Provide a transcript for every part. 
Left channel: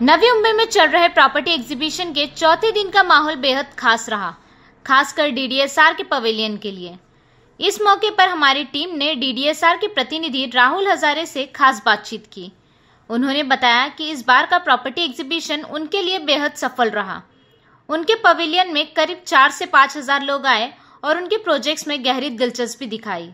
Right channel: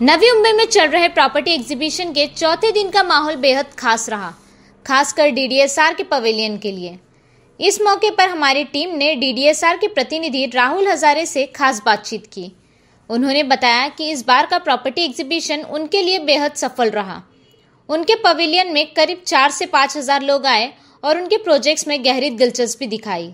नवी मुंबई में चल रहे प्रॉपर्टी एग्जीबिशन के चौथे दिन का माहौल बेहद खास रहा, खासकर डीडीएसआर के पवेलियन के लिए। इस मौके पर हमारी टीम ने डीडीएसआर के प्रतिनिधि राहुल हजारे से खास बातचीत की। उन्होंने बताया कि इस बार का प्रॉपर्टी एग्जीबिशन उनके लिए बेहद सफल रहा। उनके पवेलियन में करीब 4 से 5 हजार लोग आए और उनके प्रोजेक्ट्स में गहरी दिलचस्पी दिखाई।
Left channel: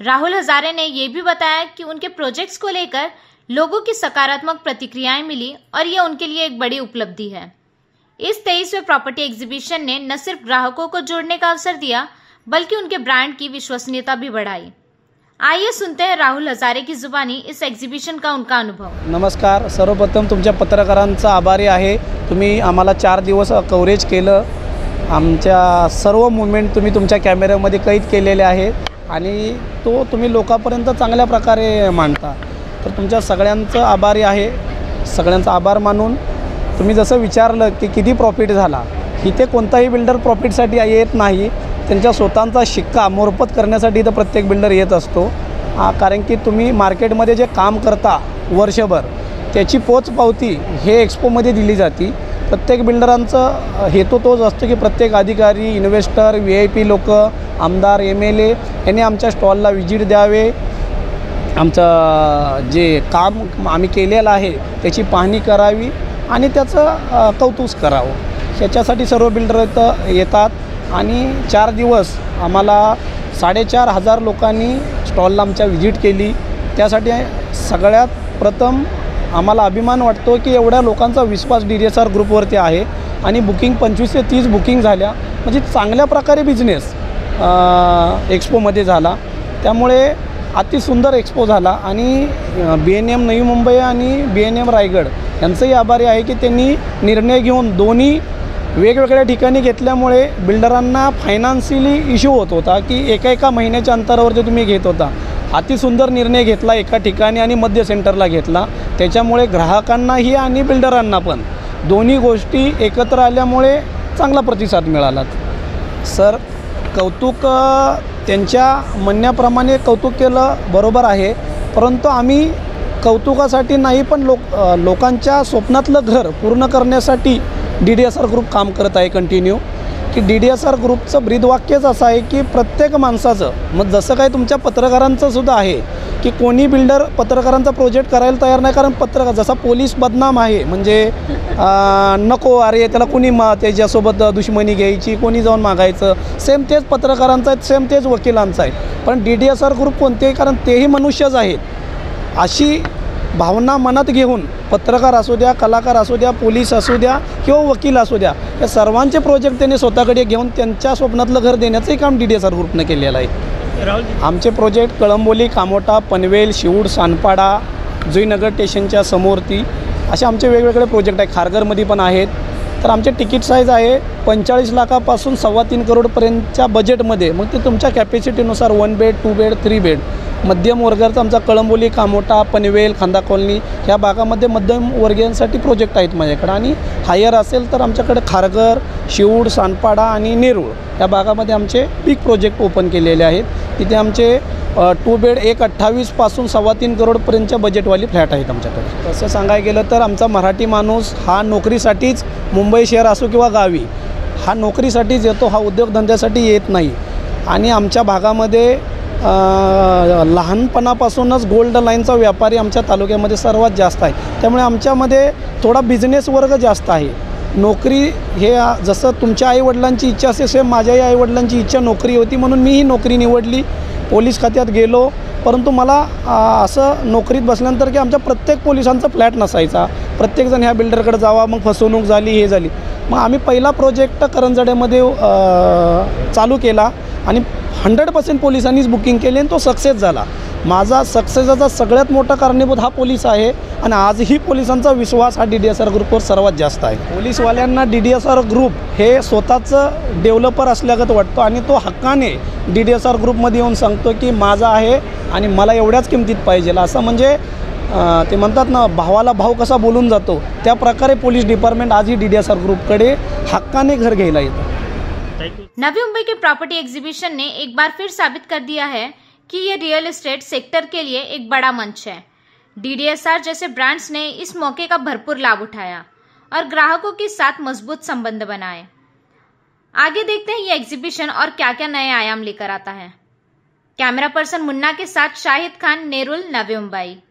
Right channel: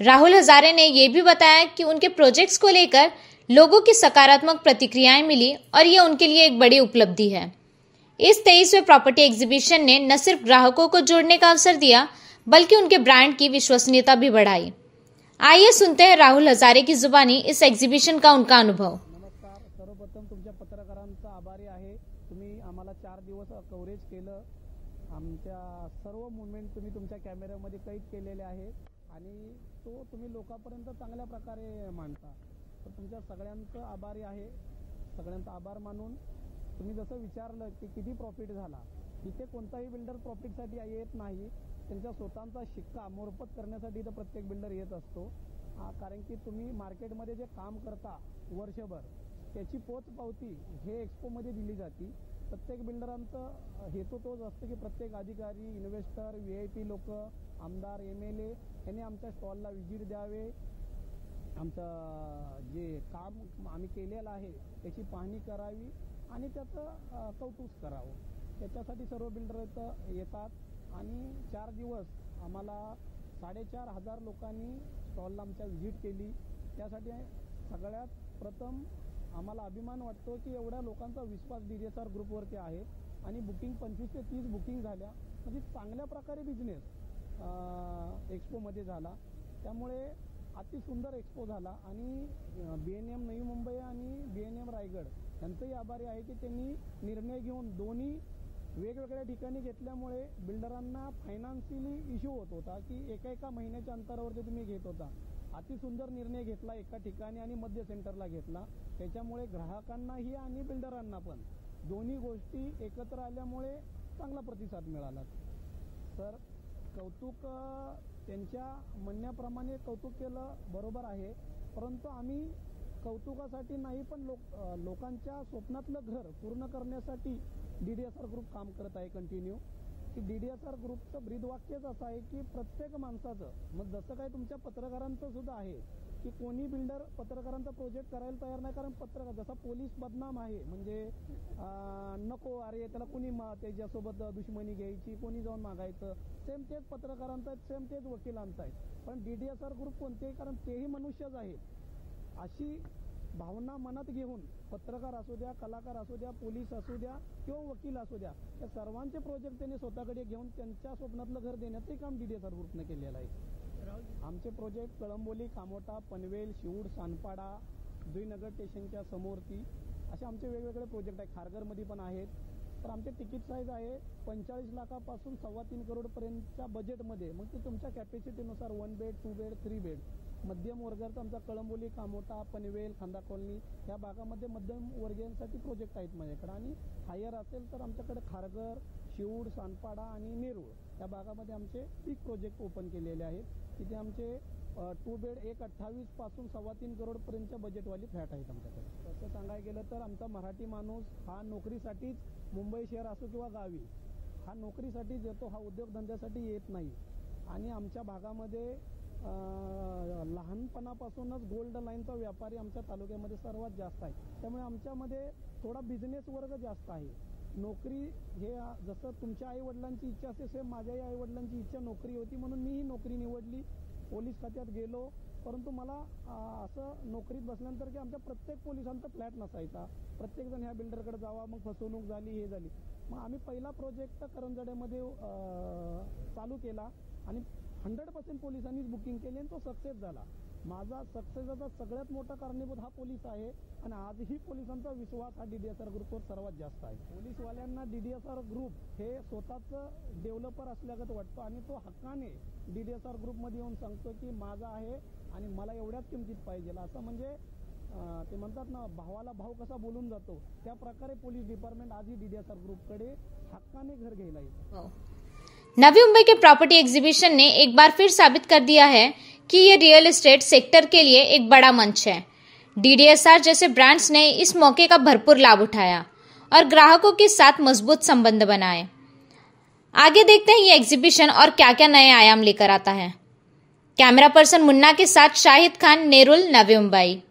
राहुल हजारे ने यह भी बताया कि उनके प्रोजेक्ट्स को लेकर लोगों की सकारात्मक प्रतिक्रियाएं मिली और यह उनके लिए एक बड़ी उपलब्धि है। इस 23वें प्रॉपर्टी एग्जीबिशन ने न सिर्फ ग्राहकों को जोड़ने का अवसर दिया, बल्कि उनके ब्रांड की विश्वसनीयता भी बढ़ाई। आइए सुनते हैं राहुल हजारे की जुबानी इस एग्जीबिशन का उनका अनुभव। नमस्कार, सर्वप्रथम तुमच्या पत्रकारांचा आभारी आहे। तुम्ही आम्हाला 4 दिवस कव्हरेज केलं। आमच्या सर्व मूवमेंट तुम्ही तुमच्या कॅमेऱ्यामध्ये कैद केलेले आहेत आणि तो तुम्ही लोकांपर्यंत चांगल्या प्रकारे मांडता। तर तुमच्या सगळ्यांचं आभारी आहे। सगळ्यांचा आभार मानून तुम्ही जसं विचारलं की किती प्रॉफिट झाला, इथे कोणताही बिल्डर प्रॉफिटसाठी येत नाही, त्यांच्या स्वतःचा शिक्का मोरपत करण्यासाठी इथं प्रत्येक बिल्डर येत असतो। कारण की तुम्ही मार्केटमध्ये जे काम करता वर्षभर त्याची पोचपावती हे एक्सपोमध्ये दिली जाते। प्रत्येक बिल्डरांचा हेतू तोच असतो की प्रत्येक अधिकारी, इन्व्हेस्टर, VIP लोक, आमदार, MLA यांनी आमच्या स्टॉलला व्हिजिट द्यावे, आमचं जे काम आम्ही केलेलं आहे त्याची पाहणी करावी आणि त्याचं कौतुक करावं। ह्याच्यासाठी सर्व बिल्डर इथं येतात आणि 4 दिवस आम्हाला 4,500 लोकांनी स्टॉलला आमच्या व्हिजिट केली। त्यासाठी सगळ्यात प्रथम आम्हाला अभिमान वाटतो की एवढ्या लोकांचा विश्वास DDSR ग्रुपवरती आहे आणि बुकिंग 25 ते 30 बुकिंग झाल्या, म्हणजे चांगल्या प्रकारे बिझनेस एक्सपोमध्ये झाला। त्यामुळे अति सुंदर एक्सपो झाला आणि BNM नवी मुंबई आणि BNM रायगड यांचंही आभारी आहे की त्यांनी निर्णय घेऊन दोन्ही वेगवेगळ्या ठिकाणी घेतल्यामुळे बिल्डरांना फायनान्शियली इश्यू होत होता की एका महिन्याच्या अंतरावर जे तुम्ही घेत होता, अति सुंदर निर्णय घेतला एका ठिकाणी आणि मध्य सेंटरला घेतला। त्याच्यामुळे ग्राहकांनाही आणि बिल्डरांना पण दोन्ही गोष्टी एकत्र आल्यामुळे चांगला प्रतिसाद मिळाला। सर, कौतुक त्यांच्या म्हणण्याप्रमाणे कौतुक केलं बरोबर आहे, परंतु आम्ही कौतुकासाठी नाही पण लोकांच्या स्वप्नातलं घर पूर्ण करण्यासाठी DDSR ग्रुप काम करत आहे कंटिन्यू। की DDSR ग्रुपचं ब्रीदवाक्यच असं आहे की प्रत्येक माणसाचं, मग जसं काय तुमच्या पत्रकारांचं सुद्धा आहे की कोणी बिल्डर पत्रकारांचा प्रोजेक्ट करायला तयार नाही, कारण पत्रकार जसा पोलीस बदनाम आहे, म्हणजे नको अरे त्याला कोणी त्याच्यासोबत दुश्मनी घ्यायची, कोणी जाऊन मागायचं, सेम तेच पत्रकारांचं आहे, सेम तेच वकिलांचं आहे। पण DDSR ग्रुप कोणतेही, कारण तेही मनुष्यच आहेत, अशी भावना मनात घेऊन पत्रकार असू द्या, कलाकार असू द्या, पोलीस असू द्या किंवा वकील असू द्या, या सर्वांचे प्रोजेक्ट त्यांनी स्वतःकडे घेऊन त्यांच्या स्वप्नातलं घर देण्याचंही काम DDSR ग्रुपने केलेलं आहे। आमचे प्रोजेक्ट कळंबोली, कामोठा, पनवेल, शिवूड, सानपाडा, जुईनगर स्टेशनच्या समोरती असे आमचे वेगवेगळे प्रोजेक्ट आहे। खारघरमध्ये पण आहेत। तर आमचे तिकीट साईज आहे 45 लाखापासून 3.25 करोडपर्यंतच्या बजेटमध्ये, मग ते तुमच्या कॅपॅसिटीनुसार 1 बेड, 2 बेड, 3 बेड। मध्यम वर्गाचा आमचा कळंबोली, कामोठा, पनवेल, खांदा कॉलनी ह्या भागामध्ये मध्यम वर्गीयांसाठी प्रोजेक्ट आहेत माझ्याकडे। आणि हायर असेल तर आमच्याकडे खारघर, शिवूड, सानपाडा आणि नेरूळ या भागामध्ये आमचे बिग प्रोजेक्ट ओपन केलेले आहेत। तिथे आमचे 2 बेड 1.28 पासून 3.25 करोडपर्यंतच्या बजेटवाली फ्लॅट आहेत आमच्याकडे। तसं सांगायला गेलं तर आमचा मराठी माणूस हा नोकरीसाठीच, मुंबई शहर असो किंवा गावी, हा नोकरीसाठीच येतो, हा उद्योगधंद्यासाठी येत नाही। आणि आमच्या भागामध्ये लहानपणापासूनच गोल्ड लाईनचा व्यापारी आमच्या तालुक्यामध्ये सर्वात जास्त आहे। त्यामुळे आमच्यामध्ये थोडा बिझनेस वर्ग जास्त आहे। नोकरी हे जसं तुमच्या आईवडिलांची इच्छा असेल, सेम माझ्याही आईवडिलांची इच्छा नोकरी होती, म्हणून मी ही नोकरी निवडली। पोलीस खात्यात गेलो, परंतु मला असं नोकरीत बसल्यानंतर की आमच्या प्रत्येक पोलिसांचा फ्लॅट नसायचा, प्रत्येकजण ह्या बिल्डरकडे जावा, मग फसवणूक झाली, हे झाली। मग आम्ही पहिला प्रोजेक्ट करंजड्यामध्ये चालू केला आणि 100% पोलिसांनीच बुकिंग केली आणि तो सक्सेस झाला। माझा सक्सेसचा सगळ्यात मोठा कारणीभूत हा पोलीस आहे आणि आजही पोलिसांचा विश्वास हा DDSR ग्रुपवर सर्वात जास्त आहे। पोलीसवाल्यांना DDSR ग्रुप हे स्वतःचं डेव्हलपर असल्यागत वाटतो आणि तो हक्काने DDSR ग्रुपमध्ये येऊन सांगतो की माझा आहे आणि मला एवढ्याच किमतीत पाहिजे, असं म्हणजे ते म्हणतात ना, भावाला भाव कसा बोलून जातो, त्या प्रकारे पोलीस डिपार्टमेंट आजही DDSR ग्रुपकडे हक्काने घर घ्यायला येतं। नवी मुंबई के प्रॉपर्टी एग्जीबिशन ने एक बार फिर साबित कर दिया है कि ये रियल एस्टेट सेक्टर के लिए एक बड़ा मंच है। DDSR जैसे ब्रांड्स ने इस मौके का भरपूर लाभ उठाया और ग्राहकों के साथ मजबूत संबंध बनाए। आगे देखते हैं ये एग्जीबिशन और क्या क्या नए आयाम लेकर आता है। कैमरा पर्सन मुन्ना के साथ शाहिद खान, नेरुल, नवी मुंबई।